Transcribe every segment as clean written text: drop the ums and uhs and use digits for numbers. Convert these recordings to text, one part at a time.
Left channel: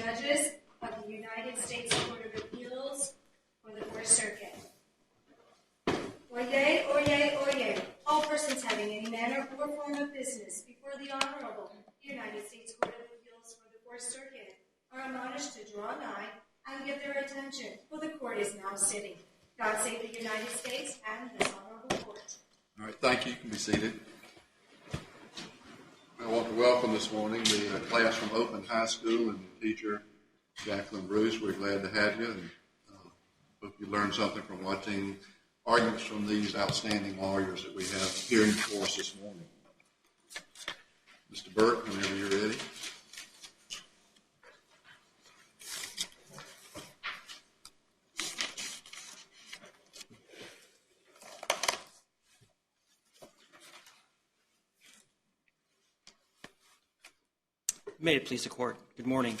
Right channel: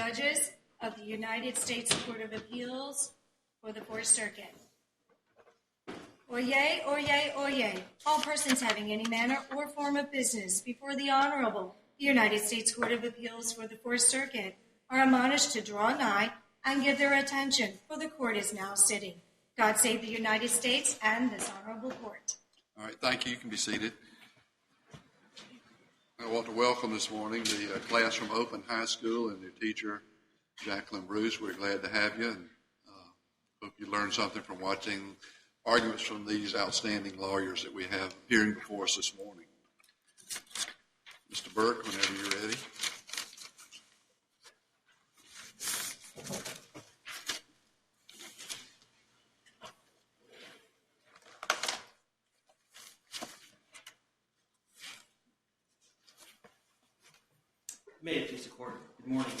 Judges of the United States Court of Appeals for the Fourth Circuit. Oyez, oyez, oyez. All persons having any manner or form of business before the Honorable United States Court of Appeals for the Fourth Circuit are admonished to draw nigh and give their attention, for the court is now sitting. God save the United States and this honorable court. All right, thank you. You can be seated. I want to welcome this morning the class from Oakland High School and their teacher, Jacqueline Bruce. We're glad to have you, and hope you learned something from watching arguments from these outstanding lawyers that we have here before us this morning. Mr. Burke, whenever you're ready. May it please the court. Good morning.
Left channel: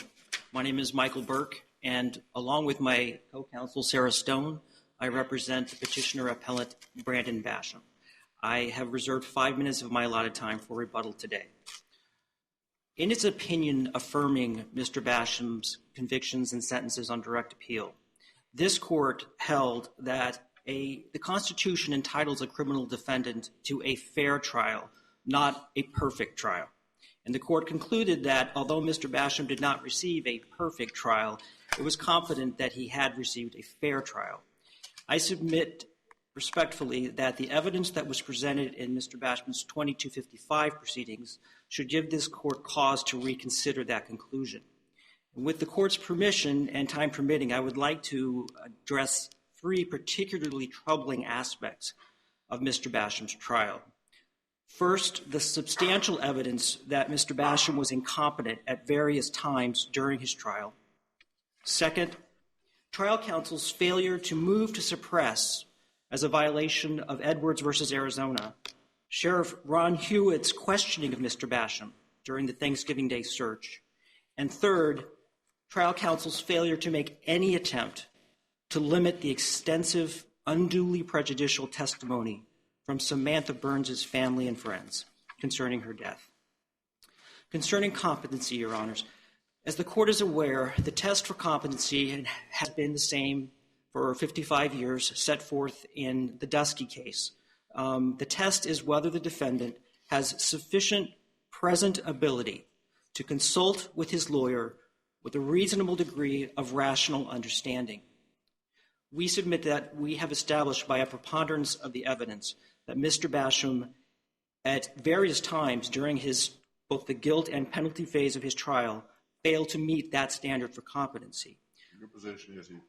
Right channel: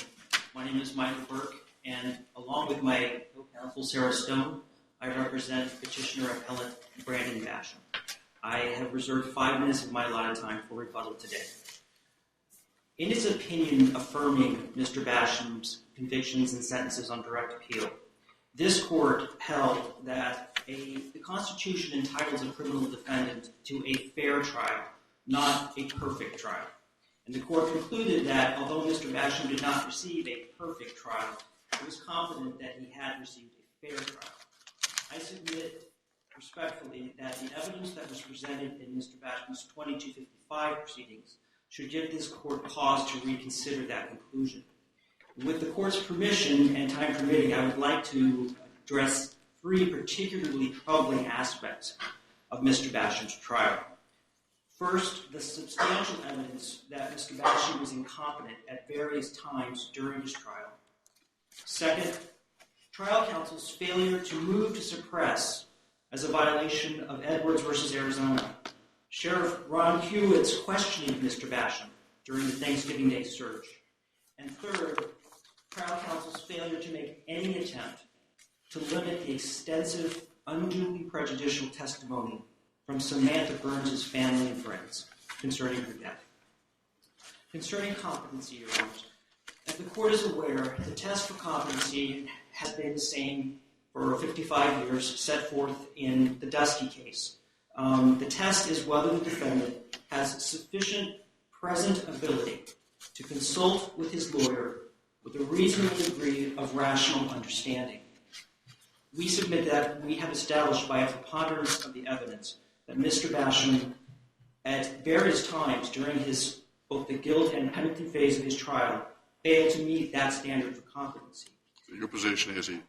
My name is Michael Burke, and along with my co-counsel Sarah Stone, I represent petitioner appellant Brandon Basham. I have reserved 5 minutes of my allotted time for rebuttal today. In its opinion affirming Mr. Basham's convictions and sentences on direct appeal, this court held that the Constitution entitles a criminal defendant to a fair trial, not a perfect trial. And the court concluded that although Mr. Basham did not receive a perfect trial, it was confident that he had received a fair trial. I submit respectfully that the evidence that was presented in Mr. Basham's 2255 proceedings should give this court cause to reconsider that conclusion. With the court's permission and time permitting, I would like to address 3 particularly troubling aspects of Mr. Basham's trial. First, the substantial evidence that Mr. Basham was incompetent at various times during his trial. Second, trial counsel's failure to move to suppress as a violation of Edwards v. Arizona. Sheriff Ron Hewitt's questioning of Mr. Basham during the Thanksgiving Day search. And third, trial counsel's failure to make any attempt to limit the extensive, unduly prejudicial testimony from Samantha Burns' family and friends concerning her death. Concerning competency, Your Honors, as the court is aware, the test for competency has been the same for 55 years, set forth in the Dusky case. The test is whether the defendant has sufficient present ability to consult with his lawyer with a reasonable degree of rational understanding. We submit that we have established by a preponderance of the evidence that Mr. Basham, at various times during both the guilt and penalty phase of his trial, failed to meet that standard for competency. So your position is he's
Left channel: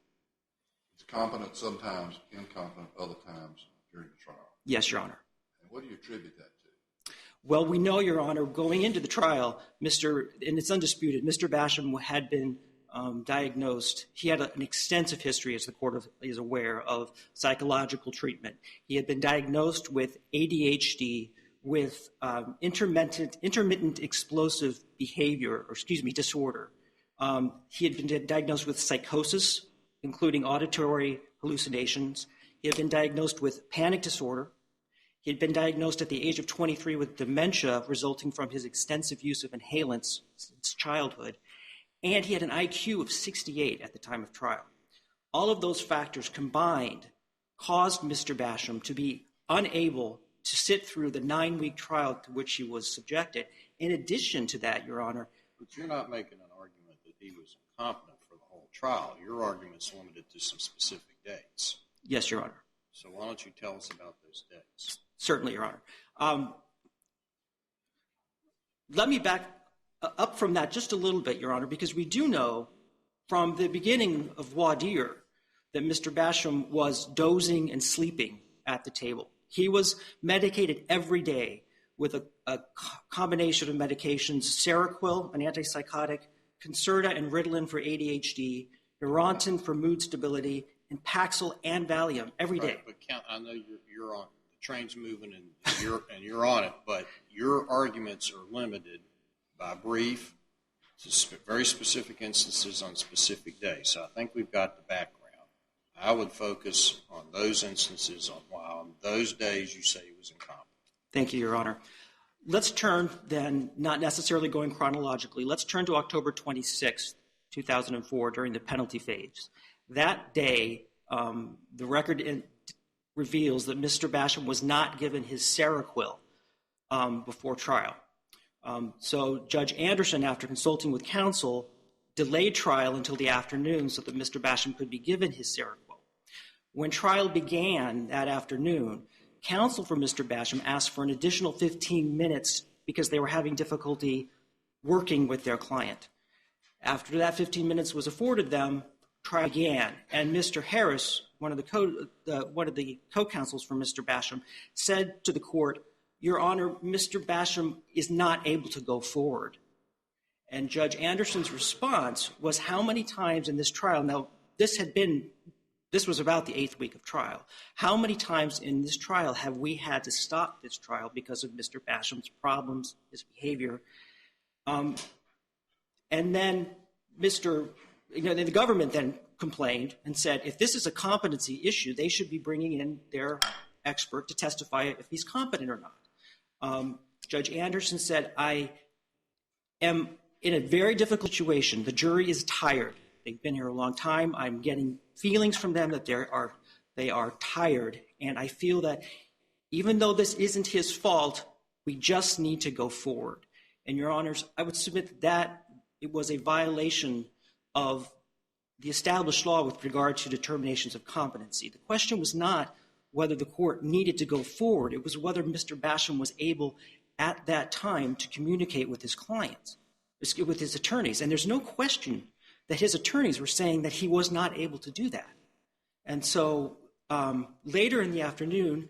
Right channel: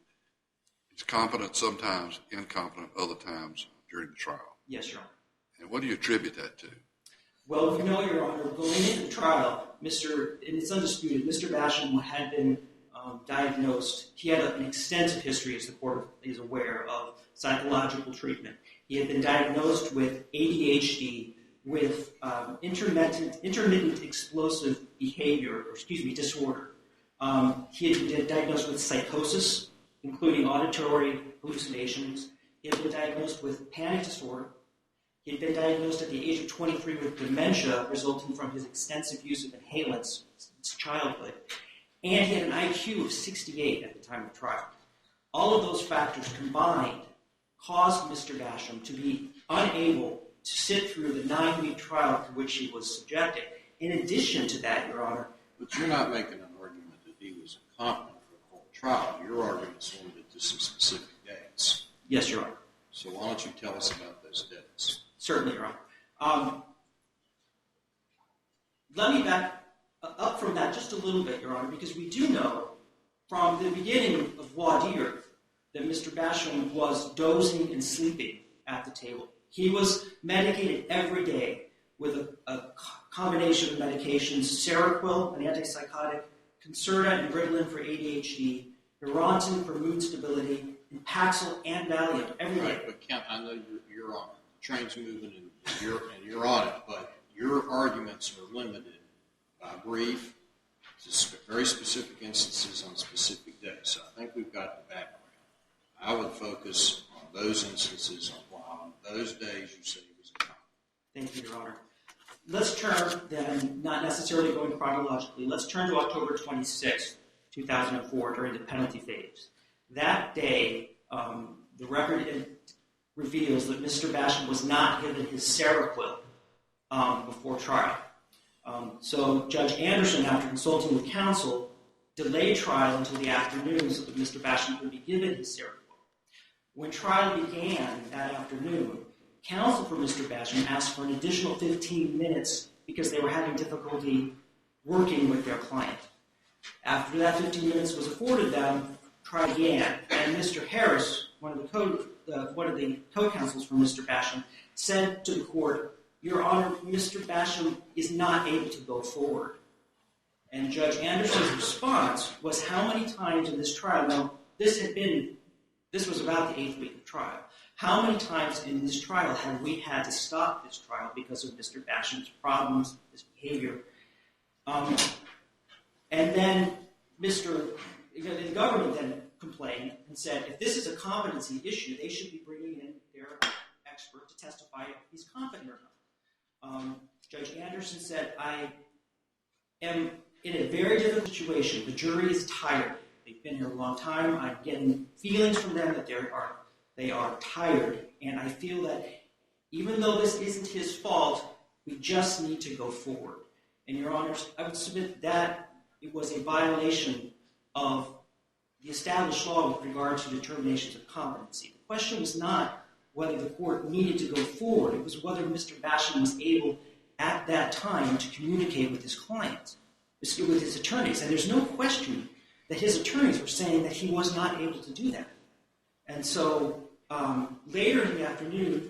competent sometimes, incompetent other times during the trial? Yes, Your Honor. And what do you attribute that to? Well, we know, Your Honor, going into the trial, and it's undisputed, Mr. Basham had been diagnosed. He had an extensive history, as the court is aware, of psychological treatment. He had been diagnosed with ADHD, with intermittent explosive behavior, disorder. He had been diagnosed with psychosis, including auditory hallucinations. He had been diagnosed with panic disorder. He had been diagnosed at the age of 23 with dementia resulting from his extensive use of inhalants since childhood. And he had an IQ of 68 at the time of trial. All of those factors combined caused Mr. Basham to be unable to sit through the 9-week trial to which he was subjected. In addition to that, Your Honor... But you're not making an argument that he was incompetent for the whole trial. Your argument is limited to some specific dates. Yes, Your Honor. So why don't you tell us about those dates? Certainly, Your Honor. Let me back up from that just a little bit, Your Honor, because we do know from the beginning of voir dire that Mr. Basham was dozing and sleeping at the table. He was medicated every day with a combination of medications, Seroquel, an antipsychotic, Concerta and Ritalin for ADHD, Neurontin for mood stability, and Paxil and Valium every day. Right, but Kent, I know you're on it. The train's moving and you're on it, but your arguments are limited by brief to very specific instances on specific days. So I think we've got the background. I would focus on those instances on why on those days you say he was incompetent. Thank you, Your Honor. Let's turn then, not necessarily going chronologically, let's turn to October 26th, 2004, during the penalty phase. That day, the record reveals that Mr. Basham was not given his Seroquel before trial. So Judge Anderson, after consulting with counsel, delayed trial until the afternoon so that Mr. Basham could be given his Seroquel. When trial began that afternoon, counsel for Mr. Basham asked for an additional 15 minutes because they were having difficulty working with their client. After that 15 minutes was afforded them, trial began, and Mr. Harris, one of the co-counsels for Mr. Basham, said to the court, "Your Honor, Mr. Basham is not able to go forward." And Judge Anderson's response was, how many times in this trial, now this was about the 8th week of trial, how many times in this trial have we had to stop this trial because of Mr. Basham's problems, his behavior? And then the government then complained and said, if this is a competency issue, they should be bringing in their expert to testify if he's competent or not. Judge Anderson said, I am in a very difficult situation. The jury is tired. They've been here a long time. I'm getting feelings from them that they are tired. And I feel that even though this isn't his fault, we just need to go forward. And, Your Honors, I would submit that it was a violation of the established law with regard to determinations of competency. The question was not whether the court needed to go forward. It was whether Mr. Basham was able at that time to communicate with his clients, with his attorneys. And there's no question that his attorneys were saying that he was not able to do that. And so later in the afternoon,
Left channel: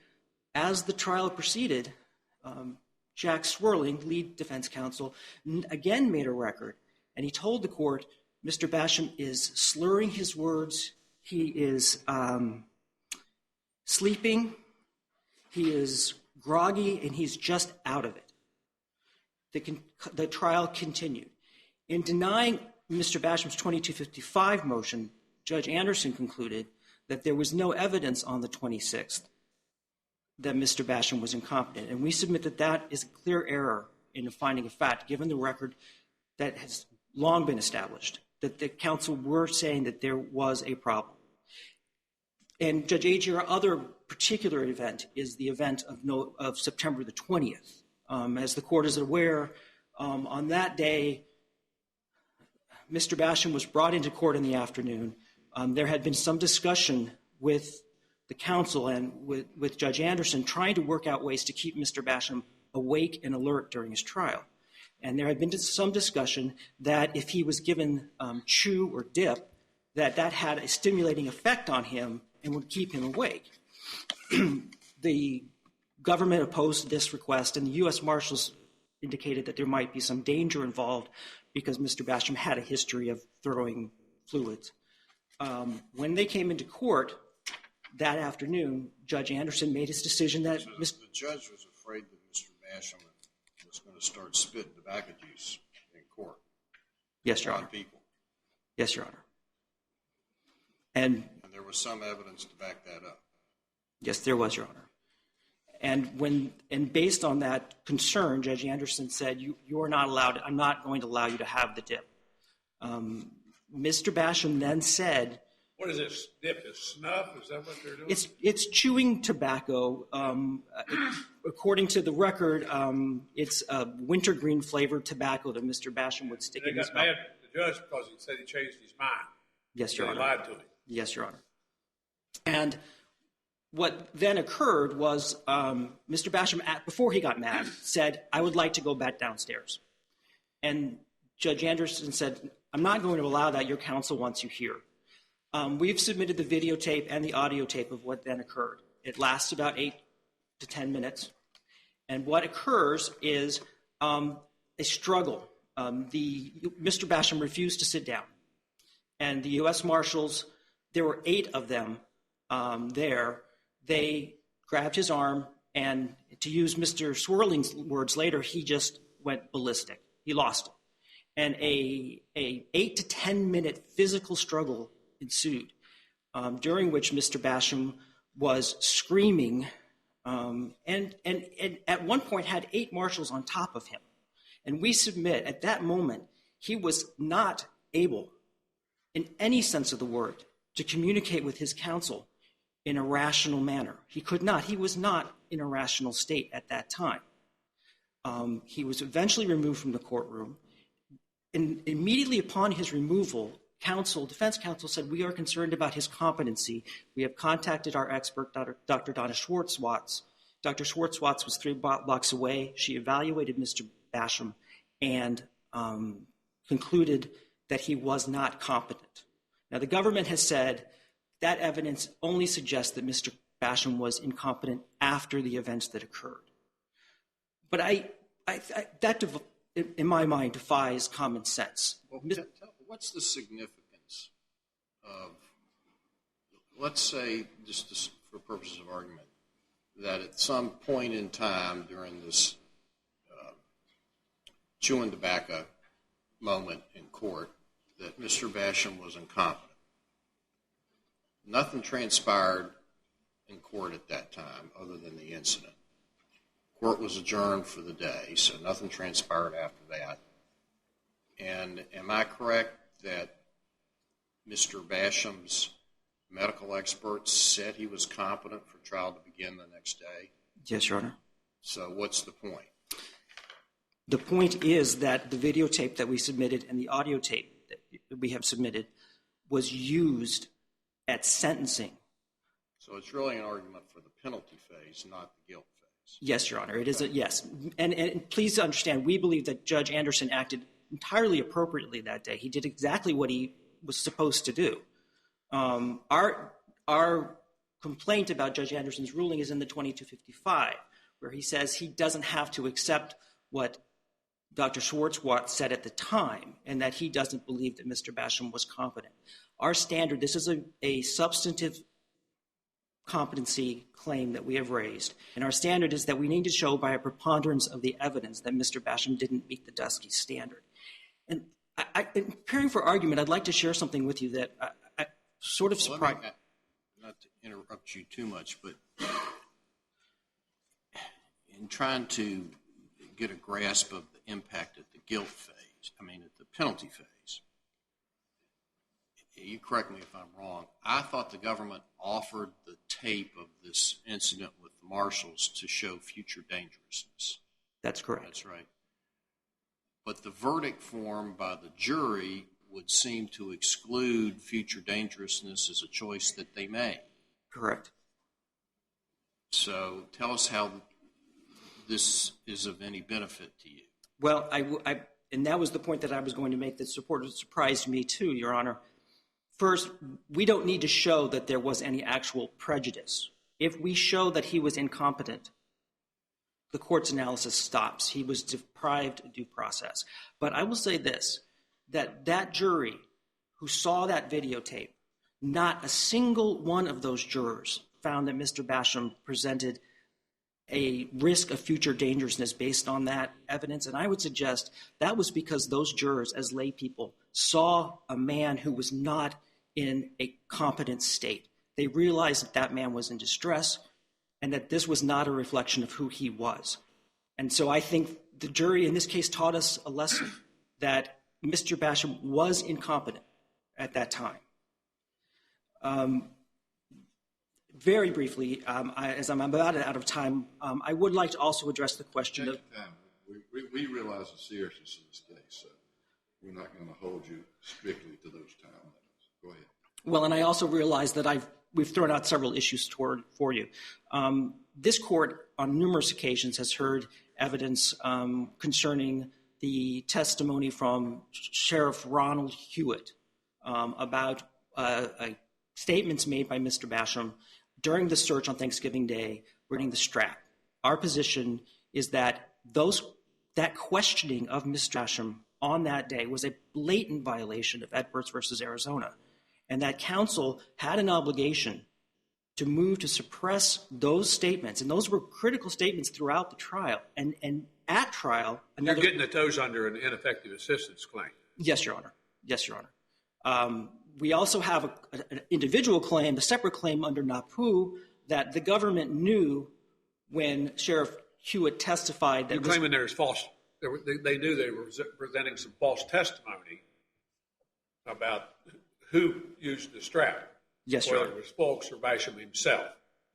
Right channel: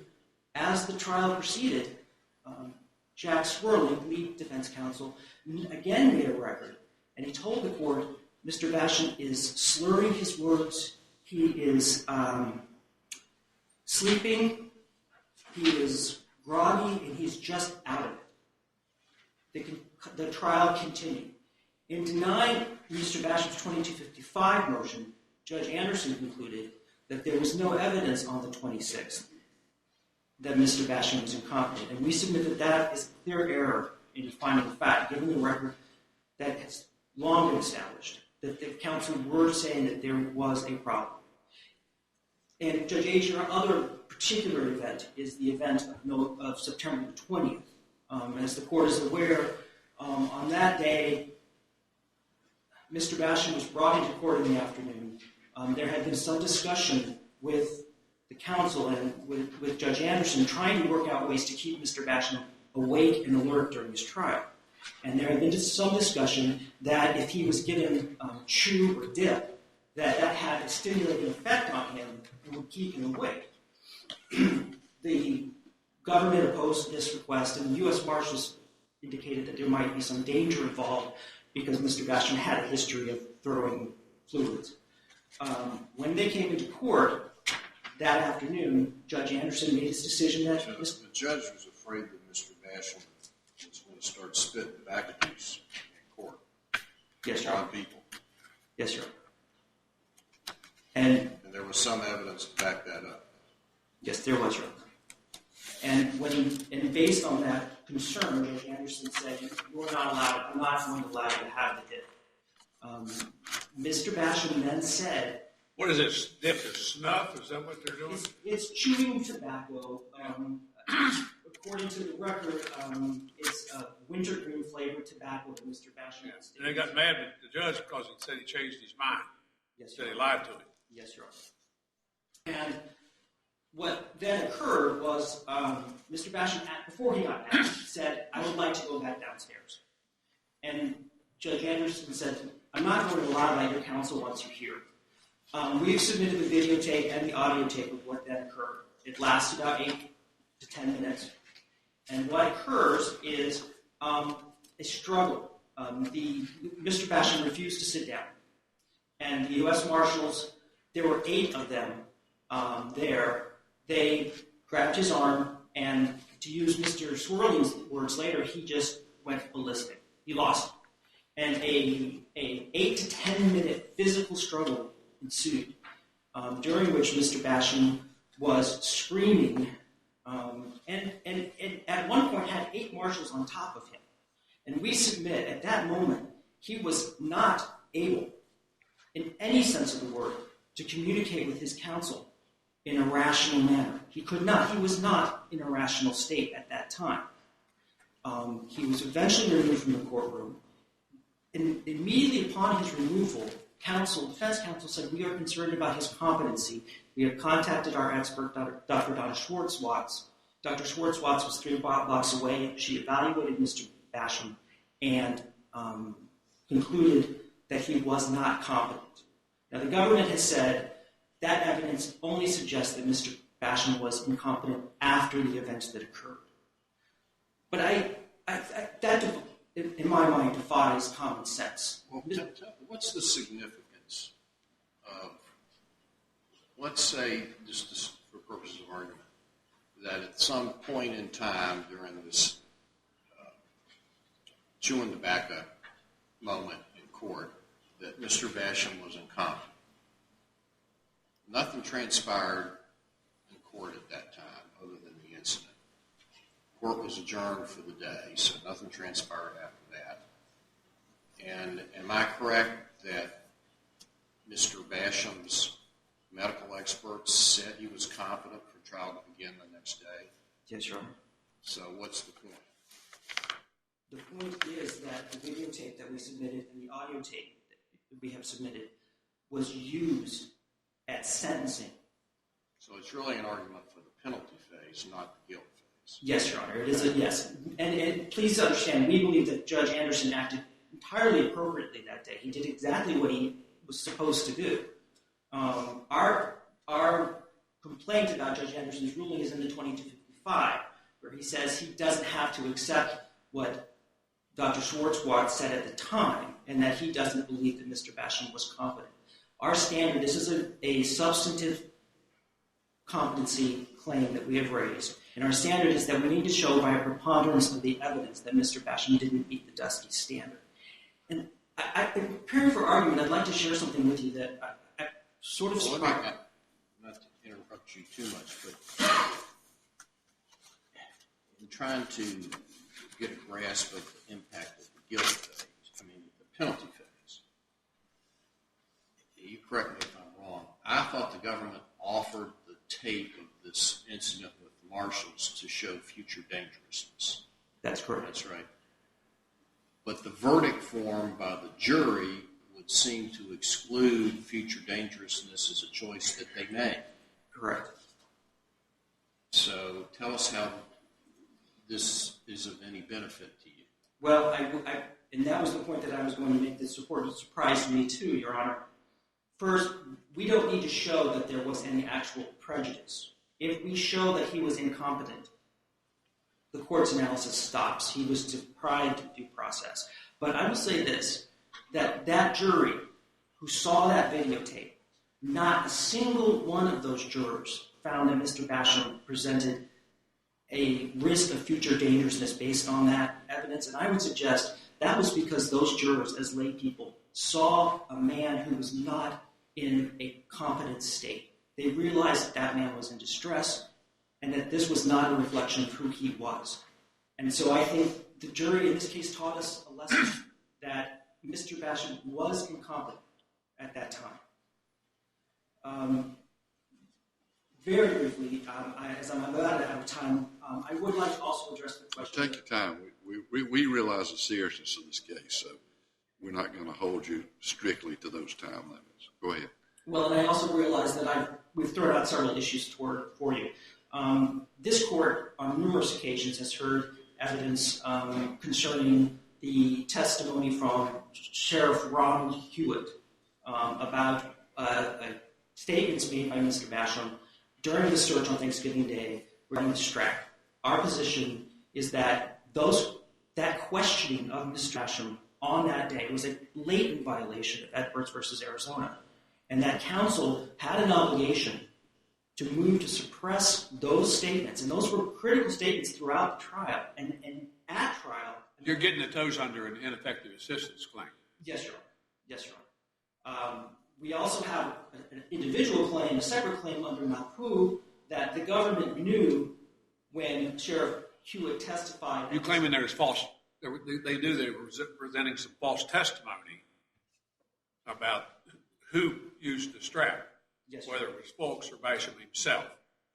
as the trial proceeded, Jack Swerling, lead defense counsel, again made a record, and he told the court, Mr. Basham is slurring his words, he is sleeping, he is groggy, and he's just out of it. The trial continued. In denying Mr. Basham's 2255 motion, Judge Anderson concluded that there was no evidence on the 26th that Mr. Basham was incompetent. And we submit that that is a clear error in the finding of fact, given the record that has long been established, that the counsel were saying that there was a problem. And Judge Agee, our other particular event is the event of September the 20th. As the court is aware, on that day, Mr. Basham was brought into court in the afternoon. There had been some discussion with the counsel and with Judge Anderson trying to work out ways to keep Mr. Basham awake and alert during his trial. And there had been some discussion that if he was given chew or dip, that had a stimulating effect on him and would keep him awake. The government opposed this request, and the U.S. Marshals indicated that there might be some danger involved because Mr. Basham had a history of throwing fluids. When they came into court that afternoon, Judge Anderson made his decision that... The judge was afraid that Mr. Basham was going to start spitting tobacco juice in court. Yes, Your Honor. On people. Yes, Your Honor. And there was some evidence to back that up. Yes, there was, Your Honor. And based on that concern, Judge Anderson said, you are not allowed, I'm not going to allow you to have the dip. Mr. Basham then said... What is this, dip? Is snuff? Is that what they're doing? It's chewing tobacco. According to the record, it's a wintergreen flavored tobacco that Mr. Basham would stick in his mouth. They got mad at the judge because he said he changed his mind. Yes, Your Honor. They lied to him. Yes, Your Honor. And what then occurred was Mr. Basham, before he got mad, said, I would like to go back downstairs. And Judge Anderson said, I'm not going to allow that. Your counsel wants you here. We've submitted the videotape and the audio tape of what then occurred. It lasted about 8 to 10 minutes. And what occurs is a struggle. Mr. Basham refused to sit down. And the U.S. Marshals, there were 8 of them there. They grabbed his arm, and to use Mr. Swirling's words later, he just went ballistic. He lost it. And a 8 to 10 minute physical struggle ensued, during which Mr. Basham was screaming and at one point had 8 marshals on top of him. And we submit at that moment he was not able in any sense of the word, to communicate with his counsel in a rational manner. He could not. He was not in a rational state at that time. He was eventually removed from the courtroom. And immediately upon his removal, defense counsel said, "We are concerned about his competency. We have contacted our expert, Dr. Donna Schwartz-Watts. Dr. Schwartz-Watts was 3 blocks away. She evaluated Mr. Basham and concluded that he was not competent." Now, the government has said that evidence only suggests that Mr. Basham was incompetent after the events that occurred. But that, in my mind, defies common sense. Well, what's the significance of, let's say, just for purposes of argument, that at some point in time during this chewing tobacco moment in court, that Mr. Basham was incompetent? Nothing transpired in court at that time other than the incident. Court was adjourned for the day, so nothing transpired after that. And am I correct that Mr. Basham's medical experts said he was competent for trial to begin the next day? Yes, Your Honor. So what's the point? The point is that the videotape that we submitted and the audio tape that we have submitted was used at sentencing. So it's really an argument for the penalty phase, not the guilt phase. Yes, Your Honor, it is a yes. And please understand, we believe that Judge Anderson acted entirely appropriately that day. He did exactly what he was supposed to do. Our complaint about Judge Anderson's ruling is in the 2255, where he says he doesn't have to accept what Dr. Schwartz-Watts said at the time, and that he doesn't believe that Mr. Basham was competent. Our standard, this is a substantive competency claim that we have raised, and our standard is that we need to show by a preponderance of the evidence that Mr. Basham didn't meet the Dusky standard. And in preparing for argument, I'd like to share something with you that I sort of surprised. Not to interrupt you too much, but in trying to get a grasp of the impact at the guilt phase, at the penalty phase, you correct me if I'm wrong, I thought the government offered the tape of this incident with the marshals to show future dangerousness. That's correct. That's right. But the verdict form by the jury would seem to exclude future dangerousness as a choice that they made. Correct. So tell us how this is of any benefit to you. Well, and that was the point that I was going to make that surprised me too, Your Honor. First, we don't need to show that there was any actual prejudice. If we show that he was incompetent, the court's analysis stops. He was deprived of due process. But I will say this, that jury who saw that videotape, not a single one of those jurors found that Mr. Basham presented a risk of future dangerousness based on that evidence. And I would suggest that was because those jurors, as lay people, saw a man who was not in a competent state. They realized that that man was in distress and that this was not a reflection of who he was. And so I think the jury in this case taught us a lesson that Mr. Basham was incompetent at that time. Very briefly, as I'm about out of time, I would like to also address the question. Take your time. We realize the seriousness of this case, so we're not going to hold you strictly to those time limits. Go ahead. Well, and I also realize that we've thrown out several issues for you. This court, on numerous occasions, has heard evidence concerning the testimony from Sheriff Ronald Hewitt about statements made by Mr. Basham during the search on Thanksgiving Day regarding the strap. Our position is that that questioning of Mr. Basham on that day was a blatant violation of Edwards versus Arizona, and that counsel had an obligation to move to suppress those statements, and those were critical statements throughout the trial. And at trial, you're getting the toes under an ineffective assistance claim. Yes, Your Honor. Yes, Your Honor. We also have an individual claim, a separate claim under NAPU, that the government knew when Sheriff Hewitt testified that... You're claiming there's false... They knew they were presenting some false testimony about who used the strap. Yes, Your Whether Honor. it was Folks or Basham himself,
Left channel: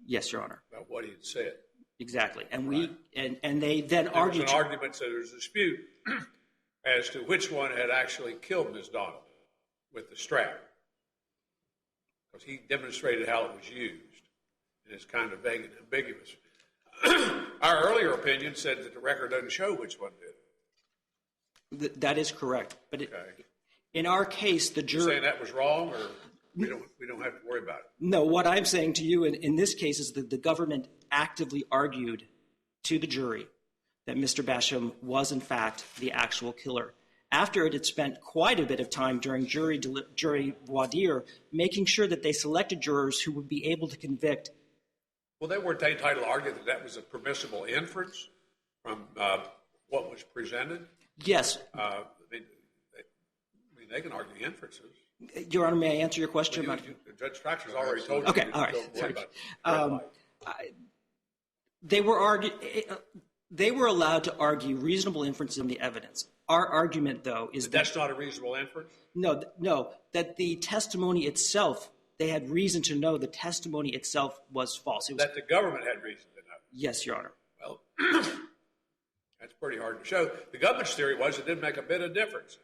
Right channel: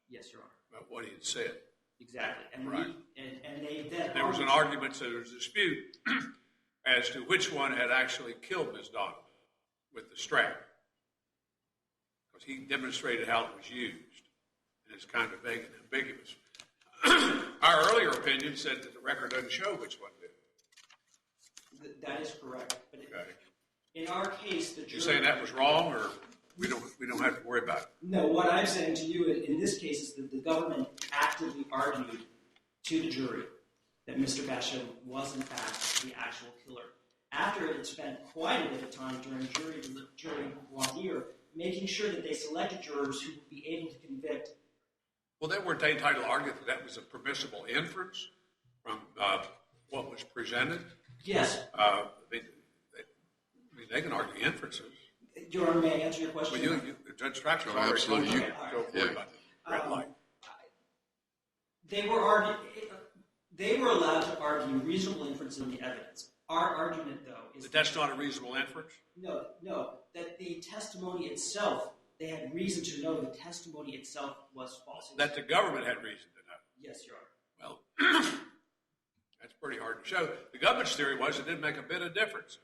Yes, Your Honor. about what he had said. Exactly. And Right. and they then There was argued. an argument, so there was a dispute as to which one had actually killed Ms. Donovan with the strap. Because he demonstrated how it was used. And it's kind of vague and ambiguous. Our earlier opinion said that the record doesn't show which one did it. That is correct. But Okay. in our case, the You jury. saying that was wrong, or we don't have to worry about it? No, what I'm saying to you in this case is that the government actively argued to the jury that Mr. Basham was, in fact, the actual killer. After it had spent quite a bit of time during jury voir dire making sure that they selected jurors who would be able to convict. Well, they weren't entitled to argue that that was a permissible inference from what was presented. Yes. They can argue inferences. Your Honor, may I answer your question? Well, Judge Traxler's already told you. Okay, to all right. don't worry about the red light. They were allowed to argue reasonable inference in the evidence. Our argument, though, is That's not a reasonable inference? no, that the testimony itself, they had reason to know the testimony itself was false. It was, That the government had reason to know. yes, Your Honor. Well, that's pretty hard to show. The government's theory was it didn't make a bit of difference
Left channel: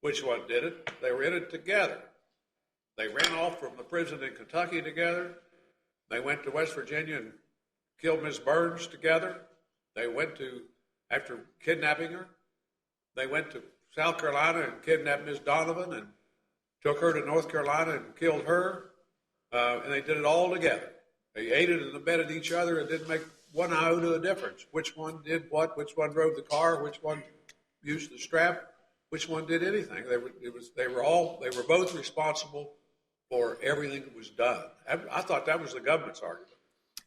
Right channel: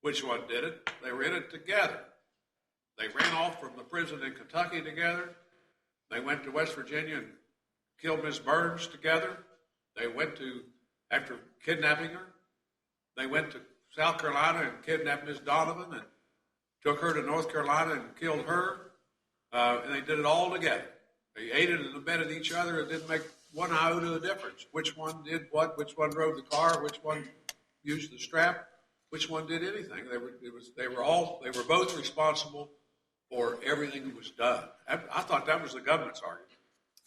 which one did it. They were in it together. They ran off from the prison in Kentucky together. They went to West Virginia and killed Miss Burns together. They went to, after kidnapping her, they went to South Carolina and kidnapped Miss Donovan and took her to North Carolina and killed her. And they did it all together. They aided and abetted each other. It didn't make one iota of difference. Which one did what? Which one drove the car? Which one used the strap? Which one did anything? They were both responsible for everything that was done. I thought that was the government's argument.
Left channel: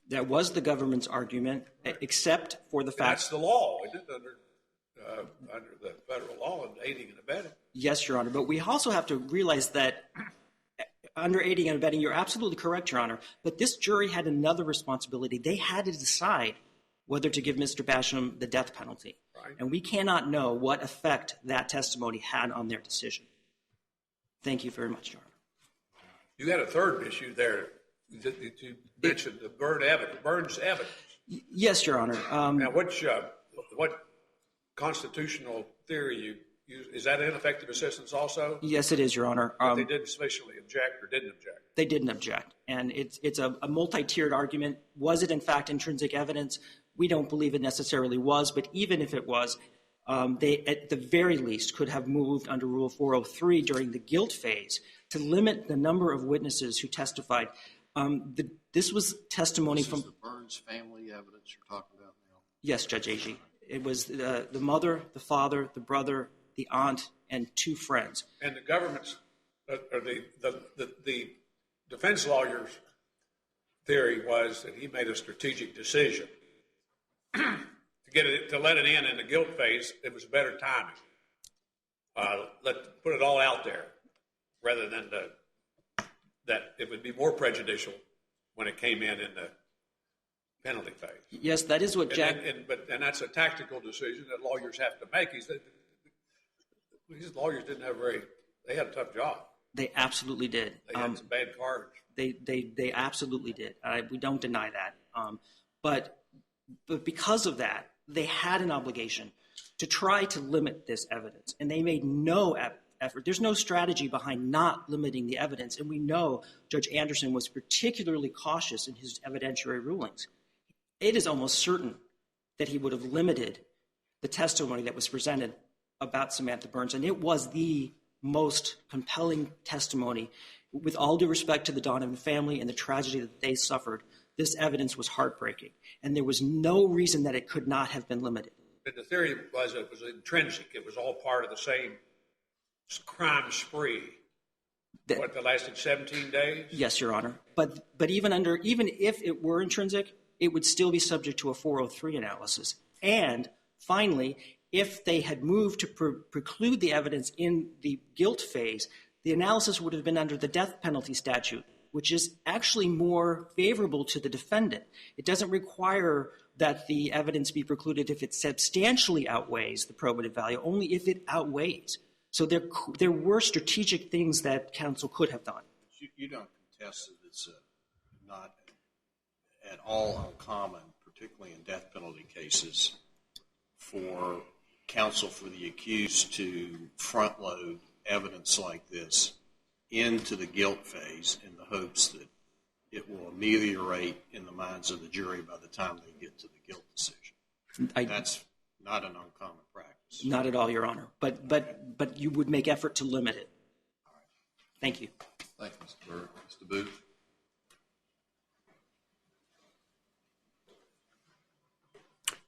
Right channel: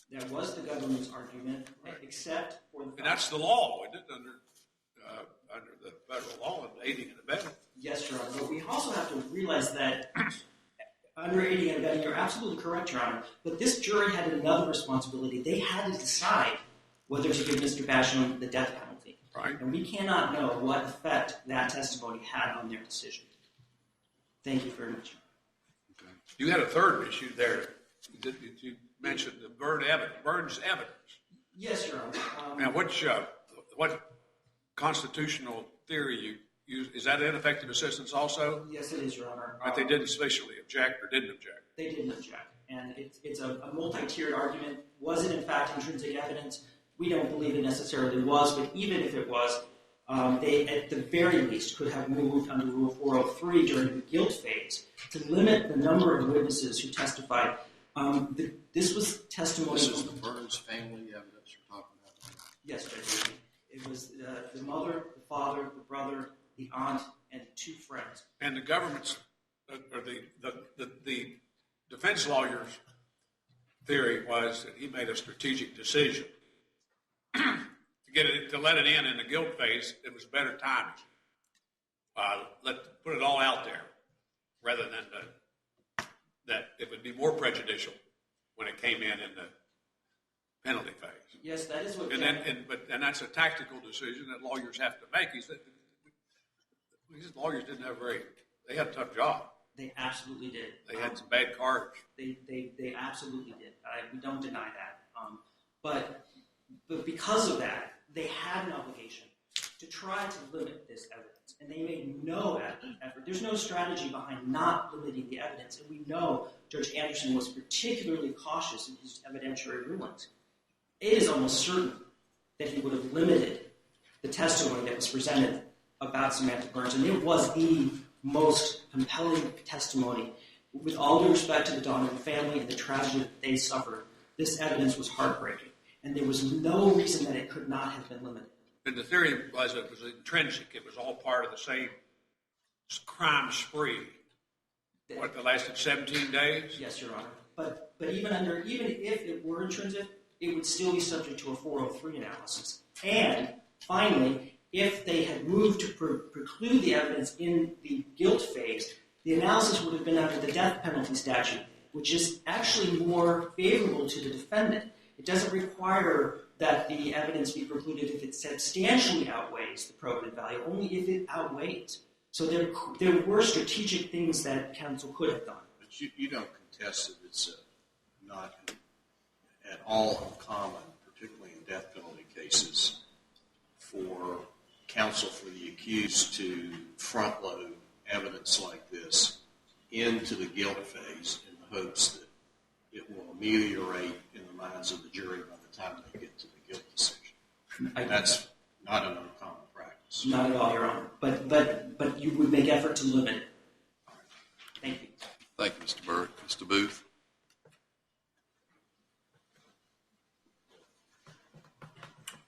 That was the government's argument, except for the And fact. that's the law, isn't it, under the federal law and aiding and abetting? Yes, Your Honor. But we also have to realize that under aiding and abetting, you're absolutely correct, Your Honor. But this jury had another responsibility. They had to decide whether to give Mr. Basham the death penalty. Right. And we cannot know what effect that testimony had on their decision. Thank you very much, Your Honor. You had a third issue there. You mentioned the Burns evidence. Yes, Your Honor. Now, what constitutional theory you use? Is that ineffective assistance also? Yes, it is, Your Honor. That they didn't sufficiently object or didn't object? They didn't object. And it's a multi-tiered argument. Was it, in fact, intrinsic evidence? We don't believe it necessarily was, but even if it was, they, at the very least, could have moved under Rule 403 during the guilt phase to limit the number of witnesses who testified. This was testimony from... This is the Burns family evidence you're talking about now? Yes, Judge Agee. It was the mother, the father, the brother, the aunt, and two friends. And the government's, or the defense lawyer's theory was that he made a strategic decision to let it in the guilt phase. It was better timing. Put it all out there, rather than that it would be more prejudicial when it came in the penalty phase. Yes, that is what Jack... And that's a tactical decision that lawyers have to make. These lawyers didn't have they had a tough job. They absolutely did. They had some bad cards. They absolutely did. We don't deny that. But because of that, they had an obligation to try to limit this evidence, and they made no effort. There's no strategy behind not limiting the evidence, and we know Judge Anderson was particularly cautious in his evidentiary rulings. It is almost certain that he would have limited the testimony that was presented about Samantha Burns, and it was the most compelling testimony. With all due respect to the Donovan family and the tragedy that they suffered, this evidence was heartbreaking, and there was no reason that it could not have been limited. And the theory was it was intrinsic. It was all part of the same crime spree. That lasted 17 days? Yes, Your Honor. But even if it were intrinsic, it would still be subject to a 403 analysis. And finally, if they had moved to preclude the evidence in the guilt phase, the analysis would have been under the death penalty statute, which is actually more favorable to the defendant. It doesn't require that the evidence be precluded if it substantially outweighs the probative value, only if it outweighs. So there were strategic things that counsel could have done. But you don't contest that it's not at all uncommon, particularly in death penalty cases, for counsel for the accused to front load evidence like this into the guilt phase in the hopes that it will ameliorate in the minds of the jury by the time they get to the guilt decision. That's not an uncommon practice. Not at all, Your Honor. But you would make effort to limit it. Thank you. Thank you, Mr. Burke. Mr. Booth?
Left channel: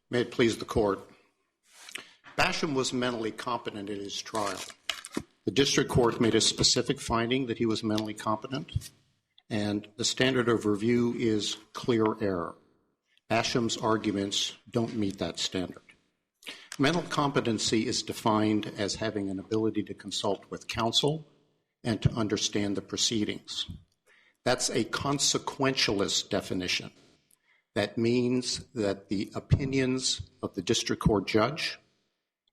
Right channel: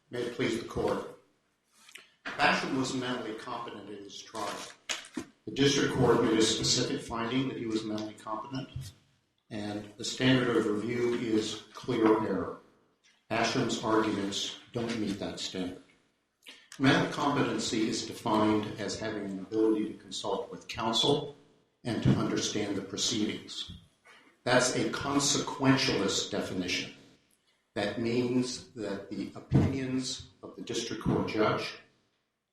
May it please the court. Basham was mentally competent in his trial. The district court made a specific finding that he was mentally competent, and the standard of review is clear error. Basham's arguments don't meet that standard. Mental competency is defined as having an ability to consult with counsel and to understand the proceedings. That's a consequentialist definition. That means that the opinions of the district court judge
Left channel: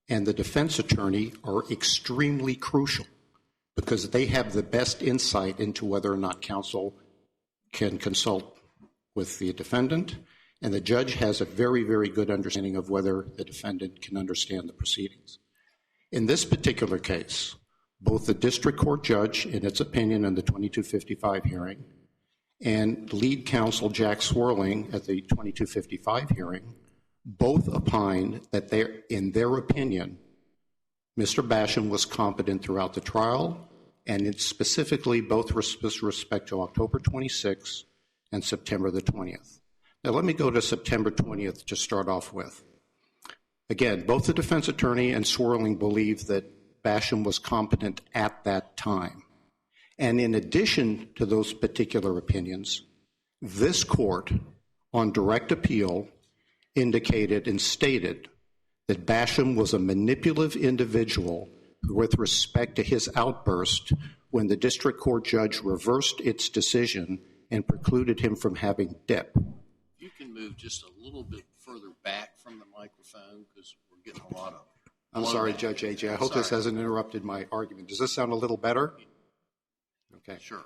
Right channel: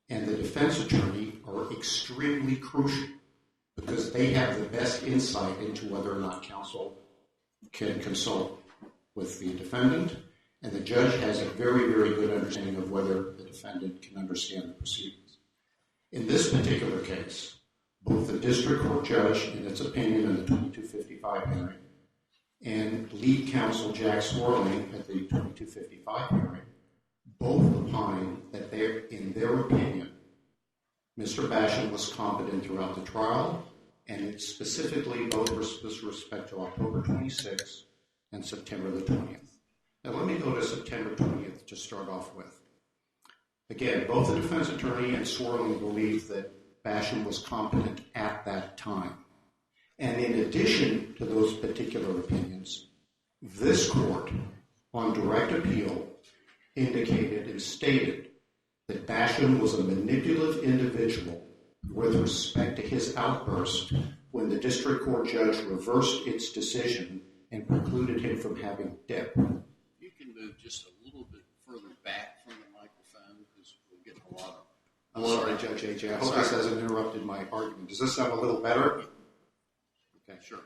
and the defense attorney are extremely crucial because they have the best insight into whether or not counsel can consult with the defendant, and the judge has a very, very good understanding of whether the defendant can understand the proceedings. In this particular case, both the district court judge, in its opinion in the 2255 hearing, and lead counsel Jack Swerling at the 2255 hearing, both opined that in their opinion, Mr. Basham was competent throughout the trial, and it's specifically both with respect to October 26th and September the 20th. Now let me go to September 20th to start off with. Again, both the defense attorney and Swerling believed that Basham was competent at that time. And in addition to those particular opinions, this court, on direct appeal, indicated and stated that Basham was a manipulative individual with respect to his outburst when the district court judge reversed its decision and precluded him from having dip. You can move just a little bit further back from the microphone because we're getting a lot of... I'm sorry, Judge AJ. I hope this hasn't interrupted my argument. Does this sound a little better? Okay. Sure.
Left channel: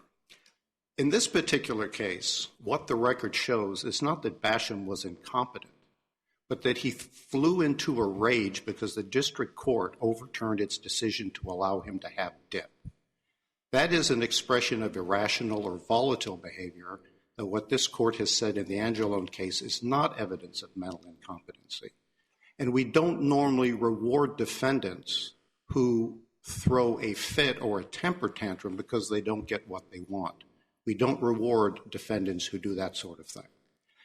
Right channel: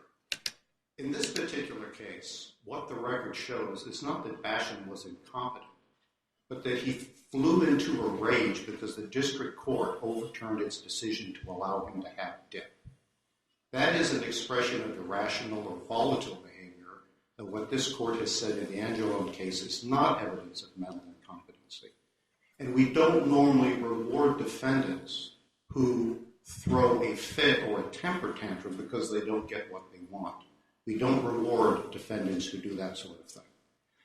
In this particular case, what the record shows is not that Basham was incompetent, but that he flew into a rage because the district court overturned its decision to allow him to have dip. That is an expression of irrational or volatile behavior that what this court has said in the Angelone case is not evidence of mental incompetency. And we don't normally reward defendants who throw a fit or a temper tantrum because they don't get what they want. We don't reward defendants who do that sort of thing.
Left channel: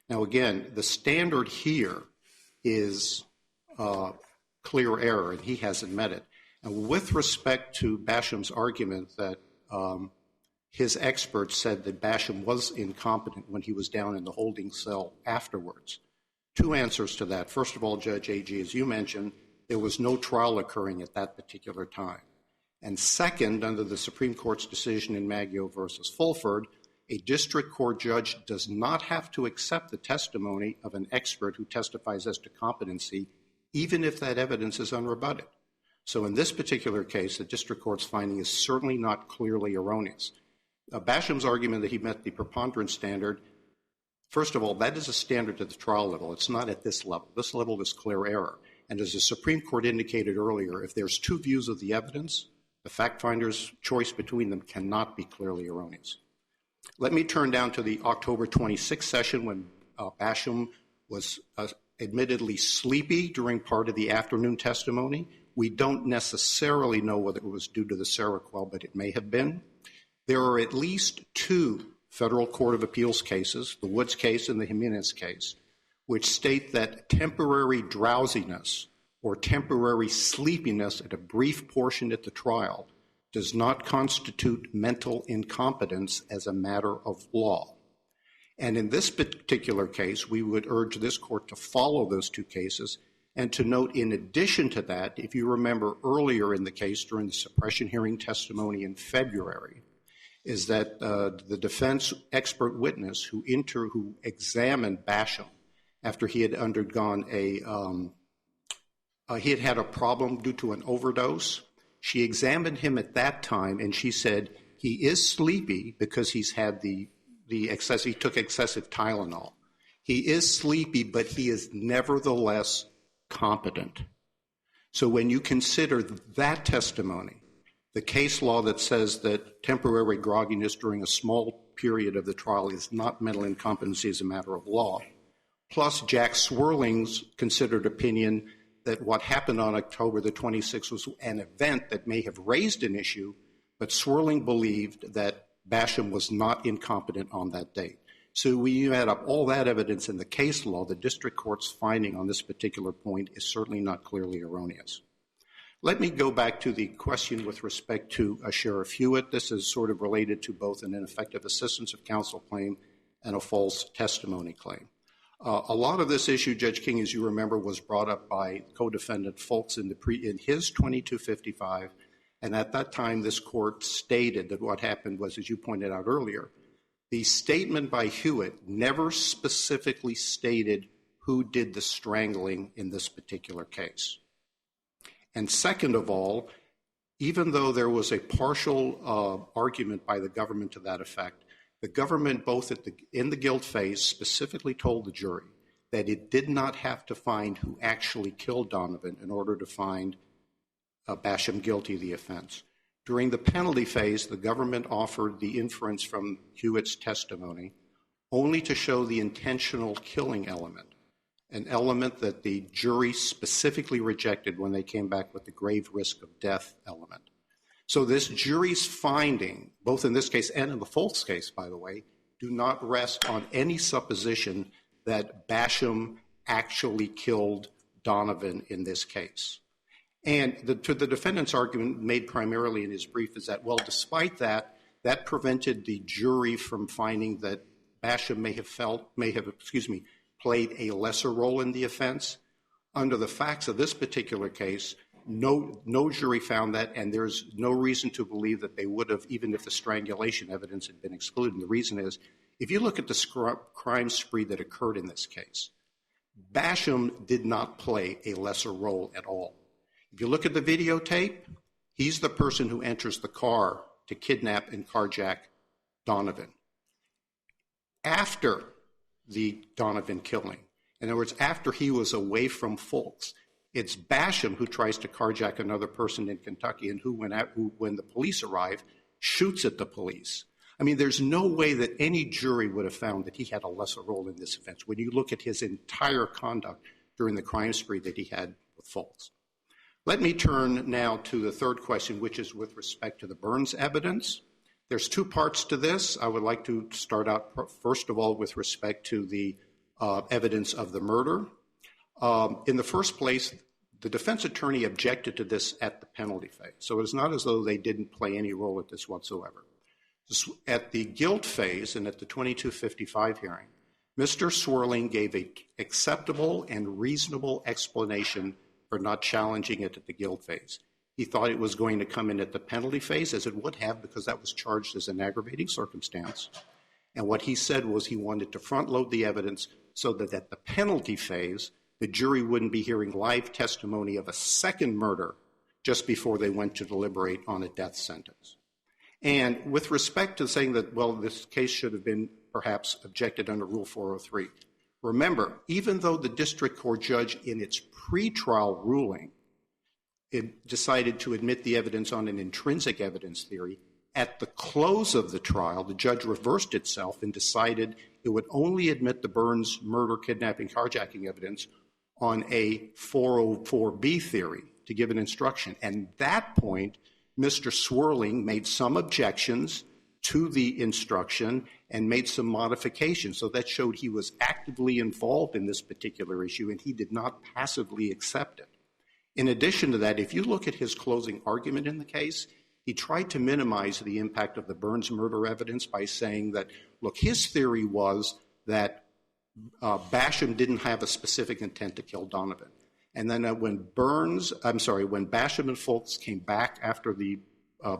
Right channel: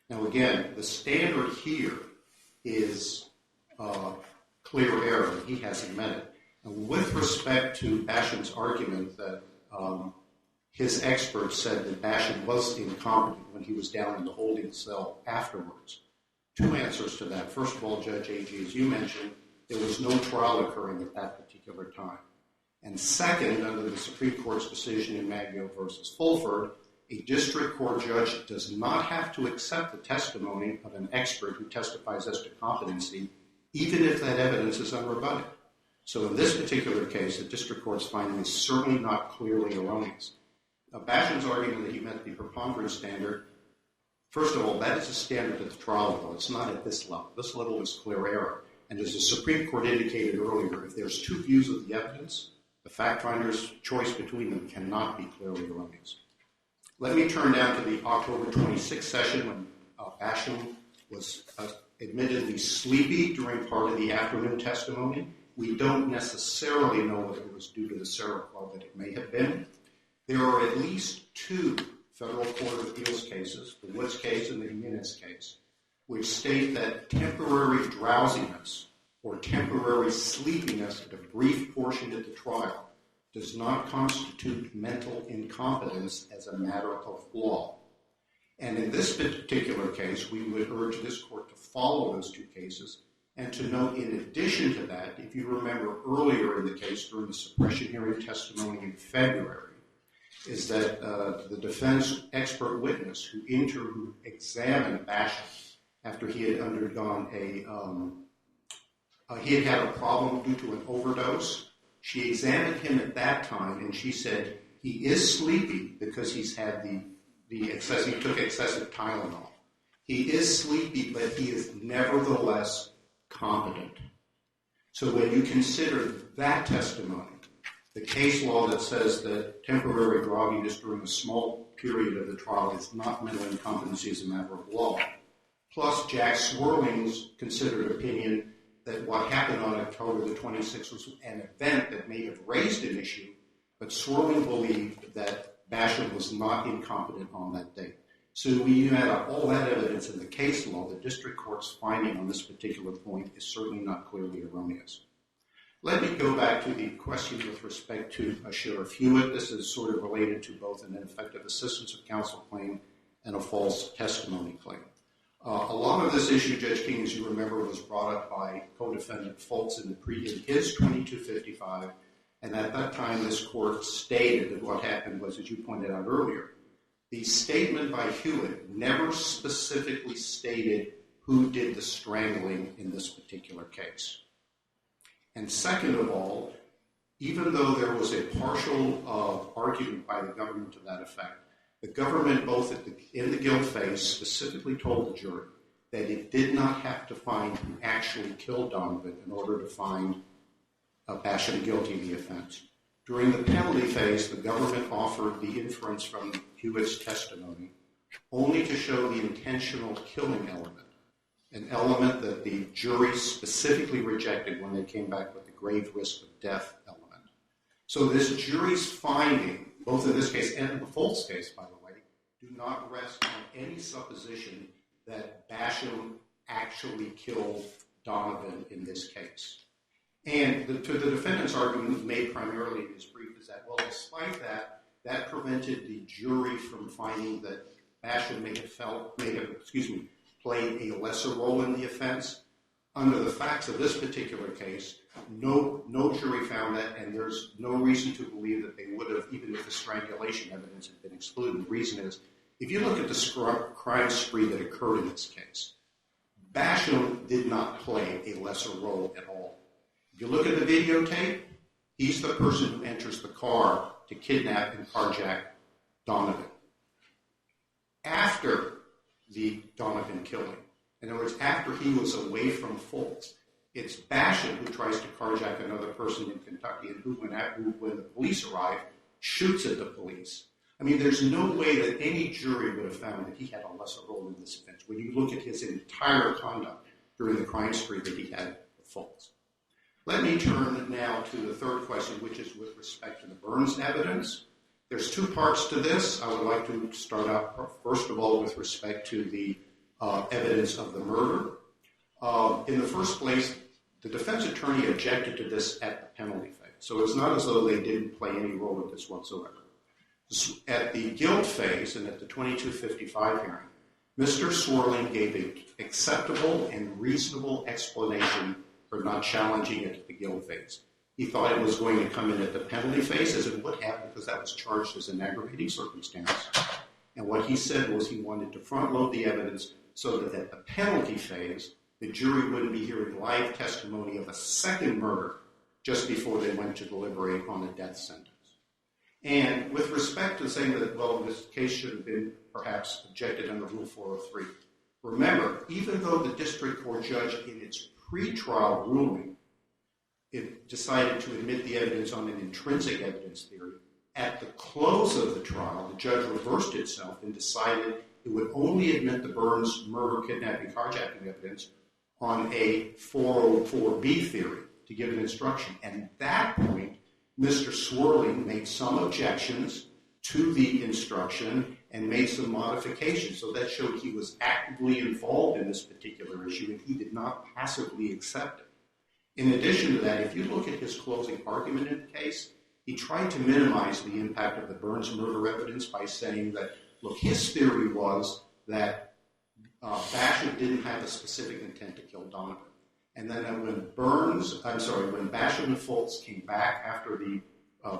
Now, again, the standard here is clear error, and he hasn't met it. And with respect to Basham's argument that his experts said that Basham was incompetent when he was down in the holding cell afterwards, two answers to that. First of all, Judge Agee, as you mentioned, there was no trial occurring at that particular time. And second, under the Supreme Court's decision in Maggio versus Fulford, a district court judge does not have to accept the testimony of an expert who testifies as to competency, even if that evidence is unrebutted. So in this particular case, the district court's finding is certainly not clearly erroneous. Basham's argument that he met the preponderance standard, first of all, that is a standard at the trial level. It's not at this level. This level is clear error. And as the Supreme Court indicated earlier, if there's two views of the evidence, the fact finder's choice between them cannot be clearly erroneous. Let me turn down to the October 26th session when Basham was admittedly sleepy during part of the afternoon testimony. We don't necessarily know whether it was due to the Seroquel, but it may have been. There are at least two Federal Court of Appeals cases, the Woods case and the Jimenez case, which state that temporary drowsiness or temporary sleepiness at a brief portion at the trial does not constitute mental incompetence as a matter of law. And in this particular case, we would urge this court to follow those two cases and to note, in addition to that, if you remember earlier in the case during the suppression hearing testimony in February, is that the defense expert witness who examined Basham after he had undergone he had had a problem due to an overdose. She examined him at that time, and she said he is sleepy because he's had he took excessive Tylenol. He is sleepy, but he is nevertheless competent. So when you consider that testimony, the case law that says that temporary grogginess during a small period of the trial is not mental incompetency as a matter of law, plus Jack Swirling's considered opinion that what happened on October the 26th was an event that may have raised an issue, but Swirling believed that Basham was not incompetent on that date. So when you add up all that evidence in the case law, the district court's finding on this particular point is certainly not clearly erroneous. Let me go back to the question with respect to Sheriff Hewitt. This is sort of related to both an ineffective assistance of counsel claim and a false testimony claim. A lot of this issue, Judge King, as you remember, was brought up by co-defendant Foltz in his 2255, and at that time this court stated that what happened was, as you pointed out earlier, the statement by Hewitt never specifically stated who did the strangling in this particular case. And second of all, even though there was a partial argument by the government to that effect, the government, both in the guilt phase, specifically told the jury that it did not have to find who actually killed Donovan in order to find Basham guilty of the offense. During the penalty phase, the government offered the inference from Hewitt's testimony only to show the intentional killing element, an element that the jury specifically rejected when they came back with the grave risk of death element. So this jury's finding, both in this case and in the Foltz case, by the way, do not rest on any supposition that Basham actually killed Donovan in this case. And to the defendant's argument made primarily in his brief is that, well, despite that, that prevented the jury from finding that Basham may have played a lesser role in the offense. Under the facts of this particular case, no jury found that, and there's no reason to believe that they would have, even if the strangulation evidence had been excluded. And the reason is, if you look at the crime spree that occurred in this case, Basham did not play a lesser role at all. If you look at the videotape, he's the person who enters the car to kidnap and carjack Donovan. After the Donovan killing, in other words, after he was away from Foltz, it's Basham who tries to carjack another person in Kentucky and who, when the police arrive, shoots at the police. I mean, there's no way that any jury would have found that he had a lesser role in this offense when you look at his entire conduct during the crime spree that he had with Foltz. Let me turn now to the third question, which is with respect to the Burns evidence. There's two parts to this. I would like to start out, first of all, with respect to the evidence of the murder. In the first place, the defense attorney objected to this at the penalty phase. So it's not as though they didn't play any role in this whatsoever. At the guilt phase and at the 2255 hearing, Mr. Swirling gave an acceptable and reasonable explanation for not challenging it at the guilt phase. He thought it was going to come in at the penalty phase, as it would have, because that was charged as an aggravating circumstance. And what he said was he wanted to front load the evidence so that at the penalty phase, the jury wouldn't be hearing live testimony of a second murder just before they went to deliberate on a death sentence. And with respect to saying that, well, this case should have been perhaps objected under Rule 403, remember, even though the district court judge in its pretrial ruling it decided to admit the evidence on an intrinsic evidence theory, at the close of the trial, the judge reversed itself and decided it would only admit the Burns murder, kidnapping, carjacking evidence on a 404B theory to give an instruction. And at that point, Mr. Swirling made some objections to the instruction and made some modifications. So that showed he was actively involved in this particular issue and he did not passively accept it. In addition to that, if you look at his closing argument in the case, he tried to minimize the impact of the Burns murder evidence by saying that, look, his theory was that Basham didn't have a specific intent to kill Donovan. And then when Basham and Foltz came back after the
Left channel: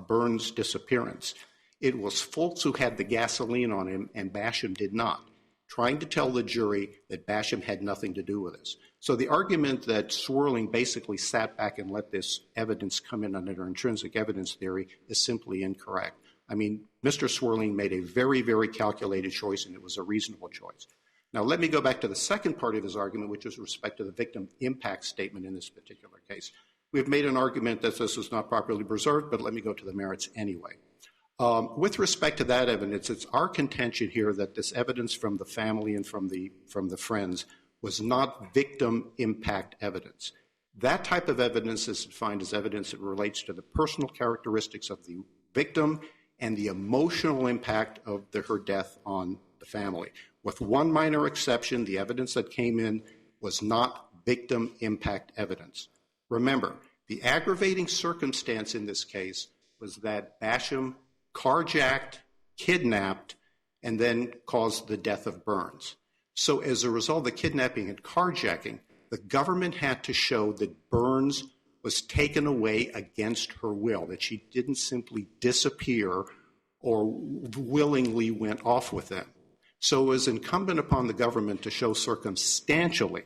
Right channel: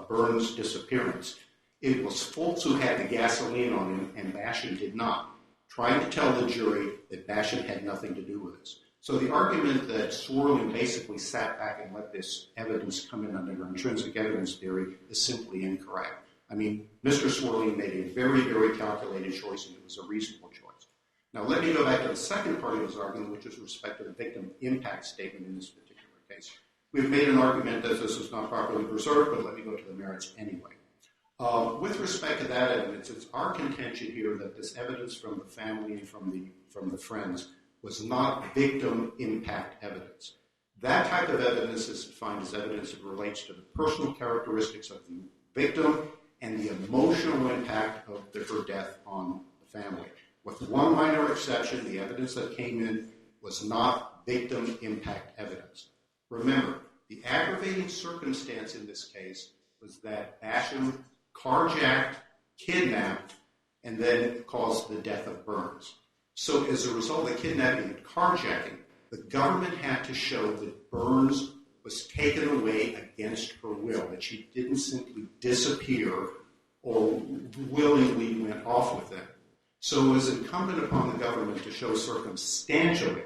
Burns disappearance, it was Foltz who had the gasoline on him and Basham did not, trying to tell the jury that Basham had nothing to do with this. So the argument that Swirling basically sat back and let this evidence come in under intrinsic evidence theory is simply incorrect. I mean, Mr. Swirling made a very, very calculated choice, and it was a reasonable choice. Now, let me go back to the second part of his argument, which is with respect to the victim impact statement in this particular case. We've made an argument that this was not properly preserved, but let me go to the merits anyway. With respect to that evidence, it's our contention here that this evidence from the family and from the friends was not victim impact evidence. That type of evidence is defined as evidence that relates to the personal characteristics of the victim and the emotional impact of her death on the family. With one minor exception, the evidence that came in was not victim impact evidence. Remember, the aggravating circumstance in this case was that Basham carjacked, kidnapped, and then caused the death of Burns. So as a result of the kidnapping and carjacking, the government had to show that Burns was taken away against her will, that she didn't simply disappear or willingly went off with them. So it was incumbent upon the government to show circumstantially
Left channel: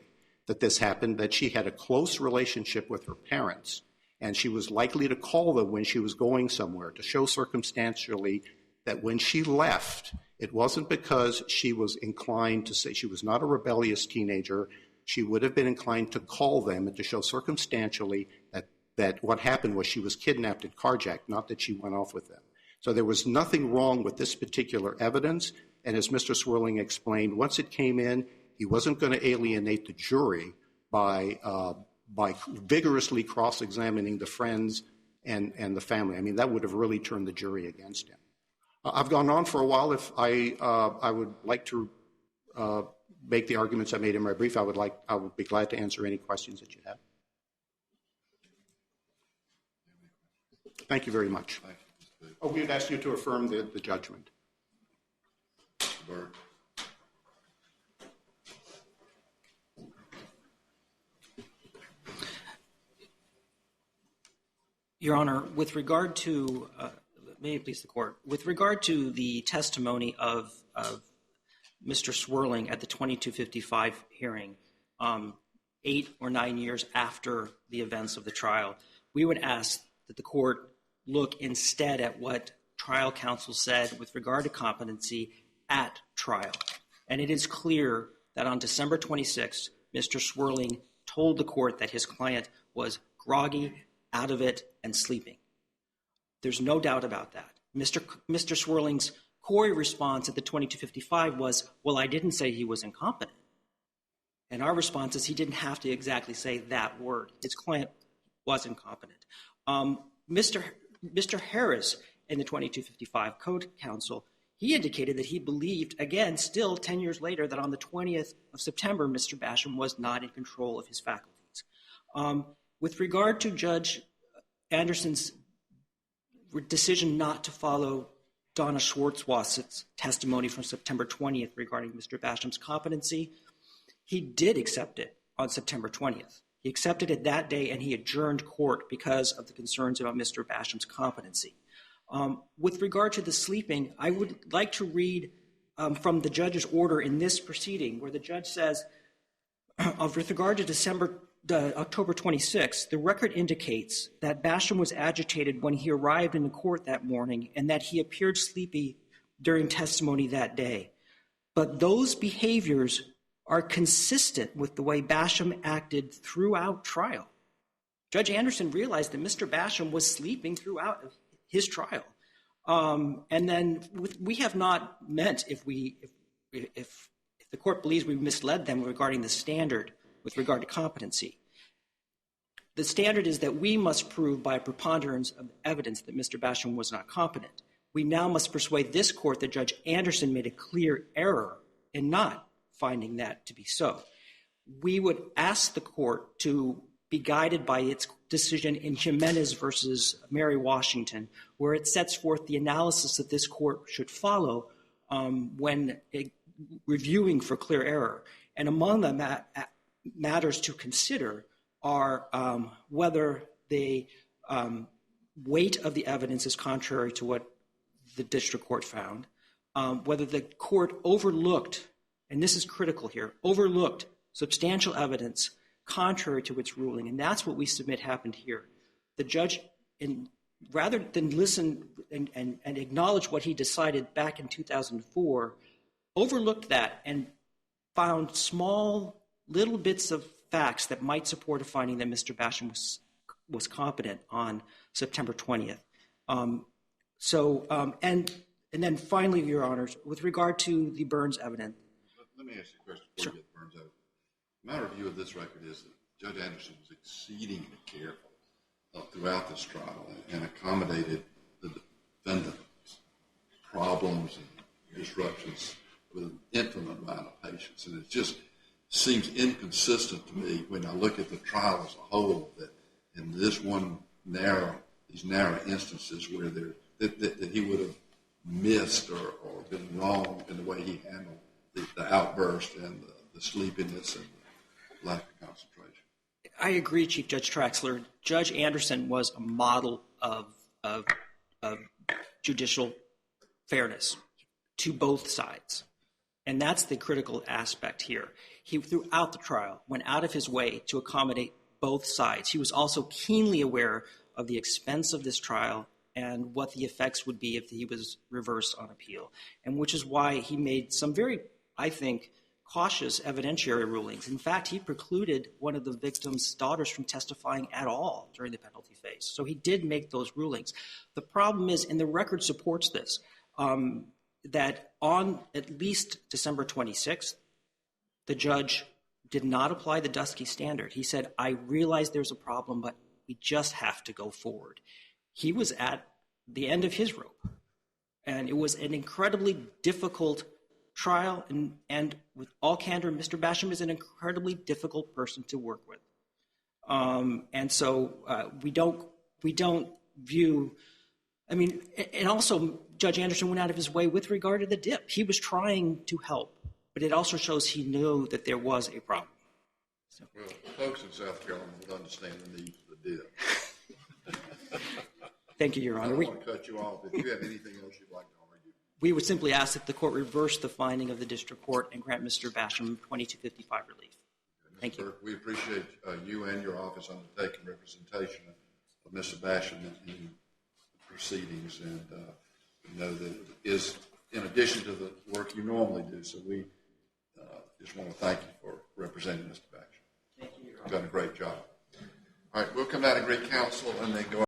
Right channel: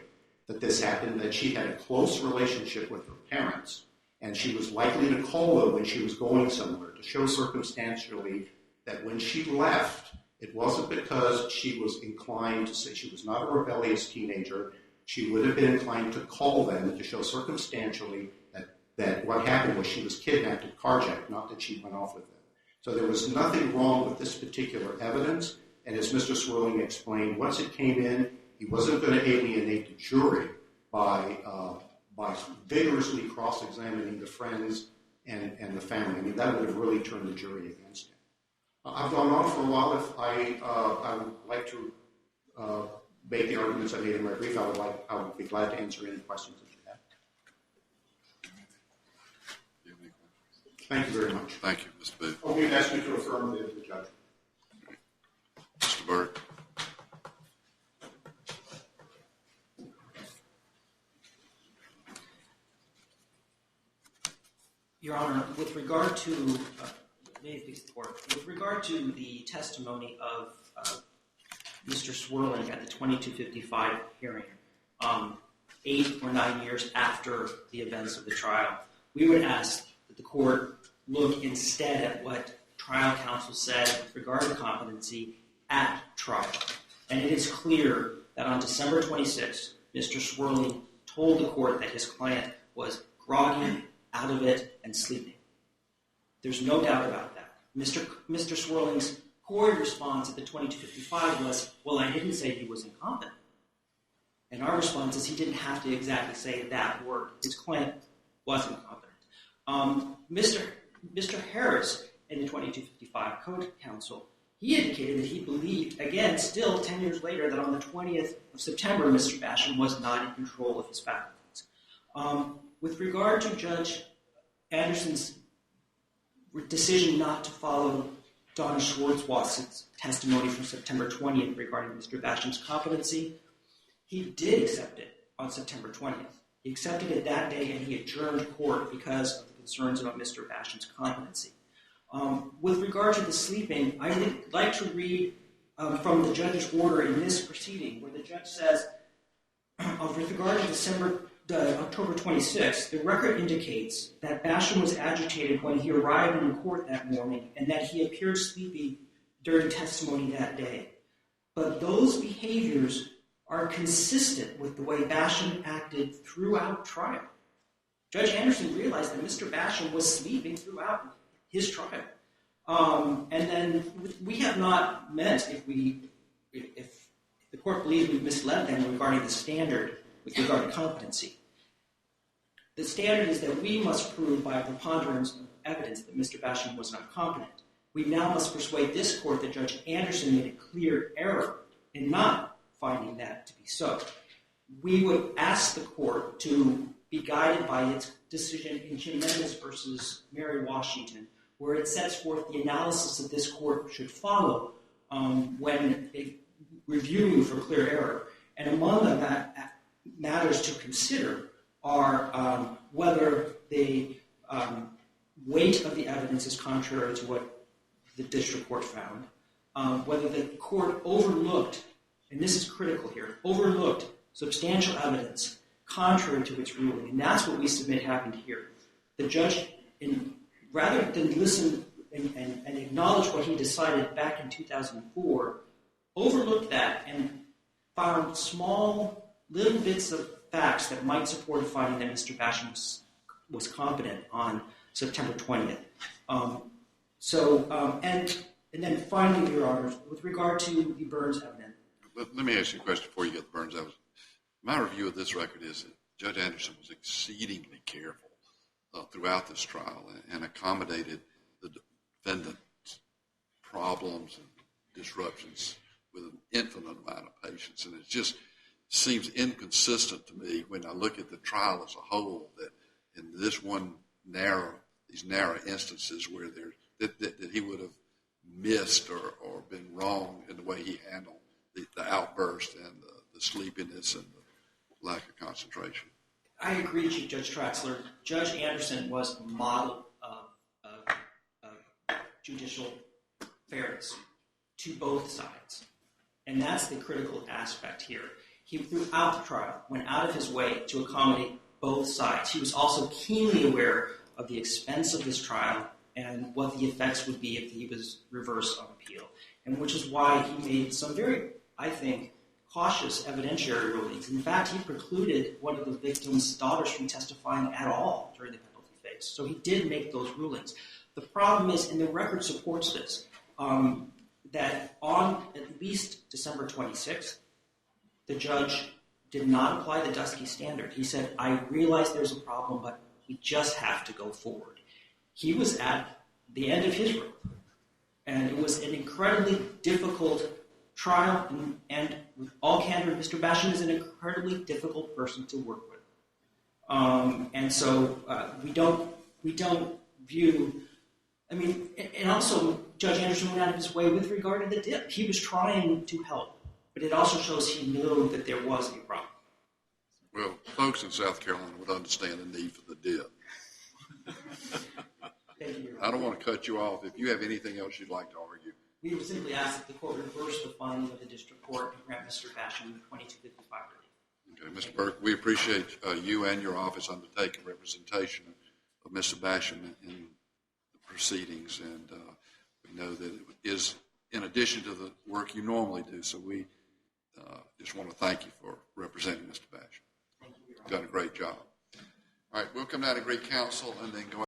that this happened, that she had a close relationship with her parents, and she was likely to call them when she was going somewhere, to show circumstantially that when she left, it wasn't because she was inclined to say, she was not a rebellious teenager, she would have been inclined to call them, but to show circumstantially that what happened was she was kidnapped and carjacked, not that she went off with them. So there was nothing wrong with this particular evidence, and as Mr. Swirling explained, once it came in, he wasn't going to alienate the jury by vigorously cross-examining the friends and the family. I mean, that would have really turned the jury against him. I've gone on for a while. If I would like to make the arguments I made in my brief, I would be glad to answer any questions that you have. Thank you very much. Thank you, Mr. Booth. I'm going to ask you to affirm the judgment. Mr. Burke. Your Honor, with regard to, may it please the court, with regard to the testimony of Mr. Swirling at the 2255 hearing, 8 or 9 years after the events of the trial, we would ask that the court look instead at what trial counsel said with regard to competency at trial. And it is clear that on December 26th, Mr. Swirling told the court that his client was groggy, out of it, and sleeping. There's no doubt about that. Mr. Swirling's core response at the 2255 was, well, I didn't say he was incompetent. And our response is he didn't have to exactly say that word. His client was incompetent. Mr. Harris in the 2255 code counsel, he indicated that he believed, again, still 10 years later, that on the 20th of September, Mr. Basham was not in control of his faculties. With regard to Judge Anderson's decision not to follow Donna Schwartzwasser's testimony from September 20th regarding Mr. Basham's competency, he did accept it on September 20th. He accepted it that day, and he adjourned court because of the concerns about Mr. Basham's competency. With regard to the sleeping, I would like to read from the judge's order in this proceeding, where the judge says, with regard to October 26th, the record indicates that Basham was agitated when he arrived in court that morning and that he appeared sleepy during testimony that day. But those behaviors are consistent with the way Basham acted throughout trial. Judge Anderson realized that Mr. Basham was sleeping throughout his trial. And then we have not meant, if the court believes we've misled them regarding the standard with regard to competency. The standard is that we must prove by a preponderance of evidence that Mr. Basham was not competent. We now must persuade this court that Judge Anderson made a clear error in not finding that to be so. We would ask the court to be guided by its decision in Jimenez versus Mary Washington, where it sets forth the analysis that this court should follow when reviewing for clear error. And among the matters to consider are whether the weight of the evidence is contrary to what the district court found, whether the court overlooked, and this is critical here, overlooked substantial evidence contrary to its ruling, and that's what we submit happened here. The judge, rather than listen and acknowledge what he decided back in 2004, overlooked that and found small little bits of facts that might support a finding that Mr. Basham was competent on September 20th. And then finally, Your Honors, with regard to the Burns evidence. Let me ask you a question before you get the Burns evidence. My review of this record is that Judge Anderson was exceedingly careful throughout this trial and accommodated the defendant's problems and disruptions with an infinite amount of patience. And it just seems inconsistent to me when I look at the trial as a whole that in these narrow instances where that he would have missed or been wrong in the way he handled the outburst and the sleepiness and the lack of concentration. I agree, Chief Judge Traxler. Judge Anderson was a model of judicial fairness to both sides. And that's the critical aspect here. He, throughout the trial, went out of his way to accommodate both sides. He was also keenly aware of the expense of this trial and what the effects would be if he was reversed on appeal, and which is why he made some very, I think, cautious evidentiary rulings. In fact, he precluded one of the victim's daughters from testifying at all during the penalty phase. So he did make those rulings. The problem is, and the record supports this, that on at least December 26th, the judge did not apply the Dusky standard. He said, I realize there's a problem, but we just have to go forward. He was at the end of his rope, and it was an incredibly difficult trial, and with all candor, Mr. Basham is an incredibly difficult person to work with. And so we don't view, I mean, and also Judge Anderson went out of his way with regard to the dip. He was trying to help, but it also shows he knew that there was a problem. So. Well, folks in South Carolina would understand the need for the dip. Thank you, Your Honor. I don't want to cut you off. If you have anything else you'd like to argue. We would simply ask that the court reverse the finding of the district court and grant Mr. Basham 2255 relief. Okay, Mr. Burke, we appreciate you and your office undertaking representation of Mr. Basham in the proceedings, and we know that it is in addition to the work you normally do, so we just want to thank you for representing Mr. Basham. Thank you, Your Honor. You've done a great job. All right, we'll come down to Greek Council and then go